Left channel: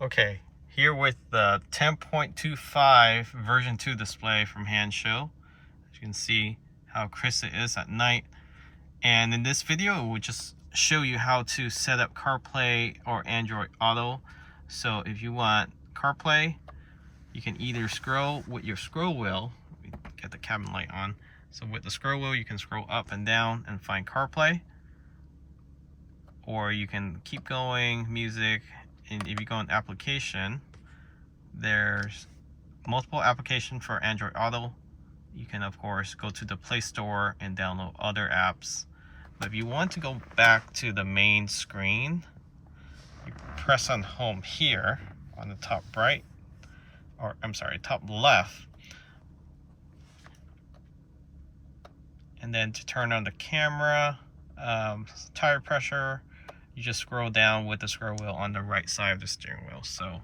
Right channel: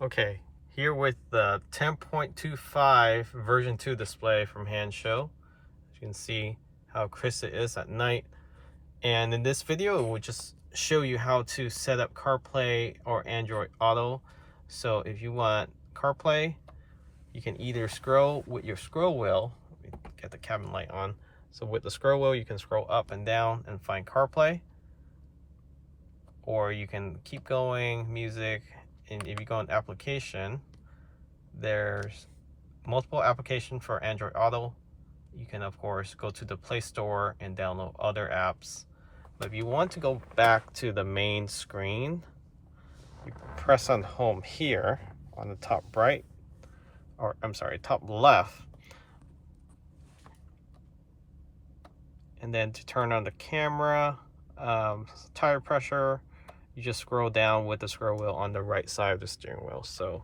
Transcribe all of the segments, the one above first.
Okay, here with the 10.25 version 2 display from Hansshow. As you can see how crisp it is at night. And in this video, it will just show you how to set up CarPlay or Android Auto. So if you want CarPlay, you can either scroll with your scroll wheel. Get the cabin light on. So with the scroll wheel, you can scroll up and down and find CarPlay. Or you can keep going, music, and if you go in application, there's multiple applications for Android Auto. You can of course go to the Play Store and download other apps. But if you want to go back to the main screen, you press on home here on the top right, or I'm sorry, top left. And then to turn on the camera, tire pressure, you just scroll down with the scroll wheel on the right side of the steering wheel. So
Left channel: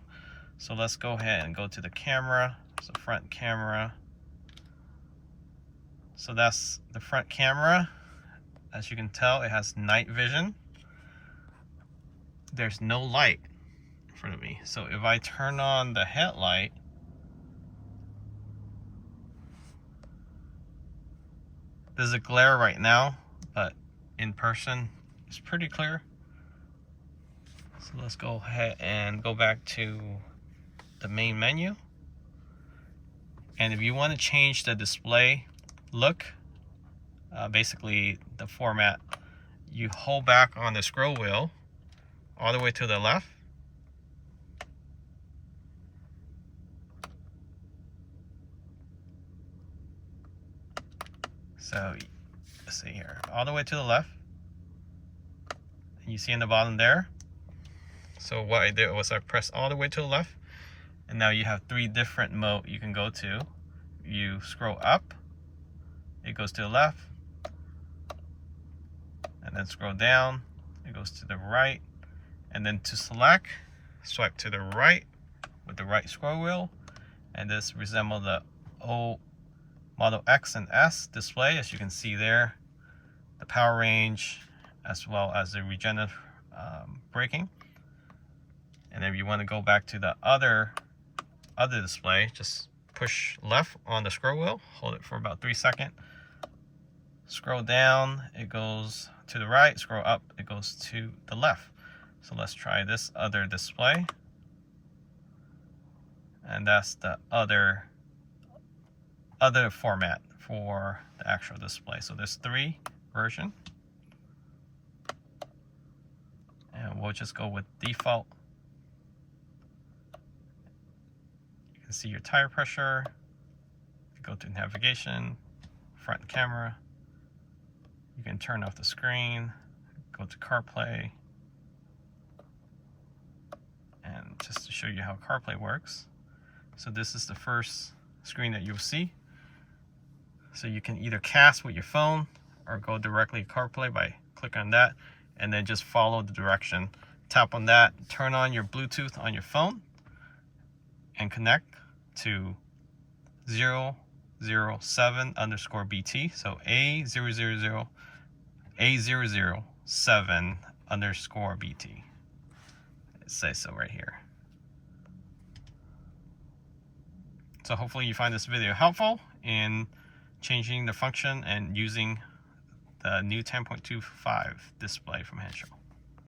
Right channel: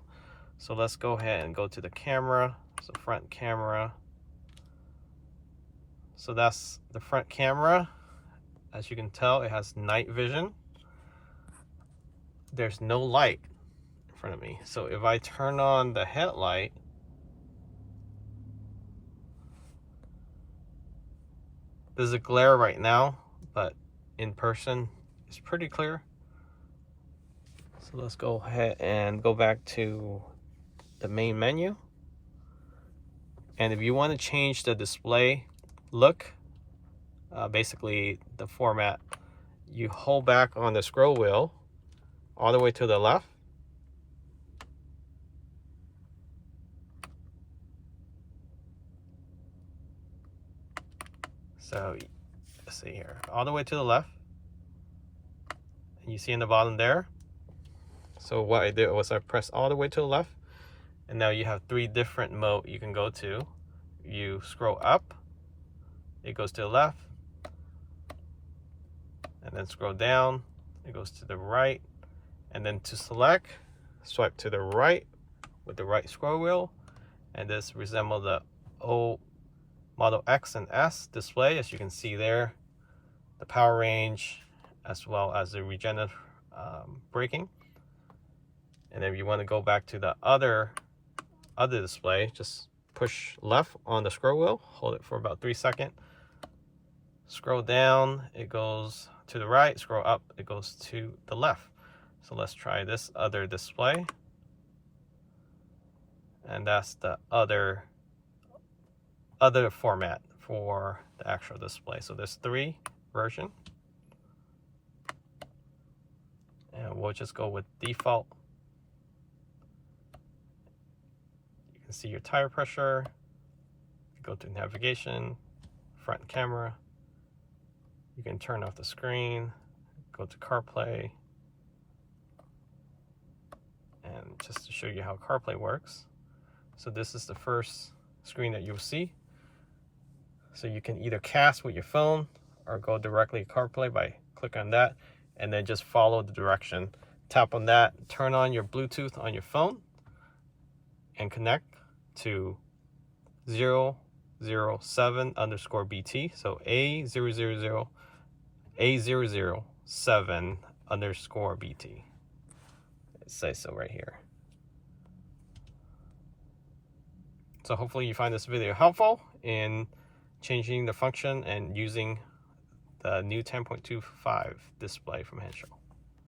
let's go ahead and go to the camera. So front camera. So that's the front camera. As you can tell, it has night vision. There's no light in front of me. So if I turn on the headlight, there's a glare right now, but in person, it's pretty clear. So let's go ahead and go back to the main menu. And if you want to change the display look, basically the format, you hold back on the scroll wheel all the way to the left. So let's see here, all the way to the left. And you see in the bottom there. So what I did was I pressed all the way to the left, and now you have 3 different modes you can go to. You scroll up, it goes to the left, and then scroll down, it goes to the right, and then to select, swipe to the right with the right scroll wheel, and this resembles the old Model X and S display. As you can see there, the power range as well as the regenerative braking. And if you want to go back to the other display, just push left on the scroll wheel, hold it for about 3 seconds, scroll down, it goes to the right, scroll up, it goes to the left. So let's try this other display. And that's the other format for the actual display. So there's 3 versions. And we'll just go with default. You can see your tire pressure. Go to navigation, front camera. You can turn off the screen, go to CarPlay. And just to show you how CarPlay works. So this is the first screen that you'll see. So you can either cast with your phone or go directly to CarPlay by clicking on that and then just follow the direction. Tap on that, turn on your Bluetooth on your phone and connect to 007_BT. So A007_BT. It says so right here. So hopefully you find this video helpful in changing the function and using the new 10.25 display from Hansshow.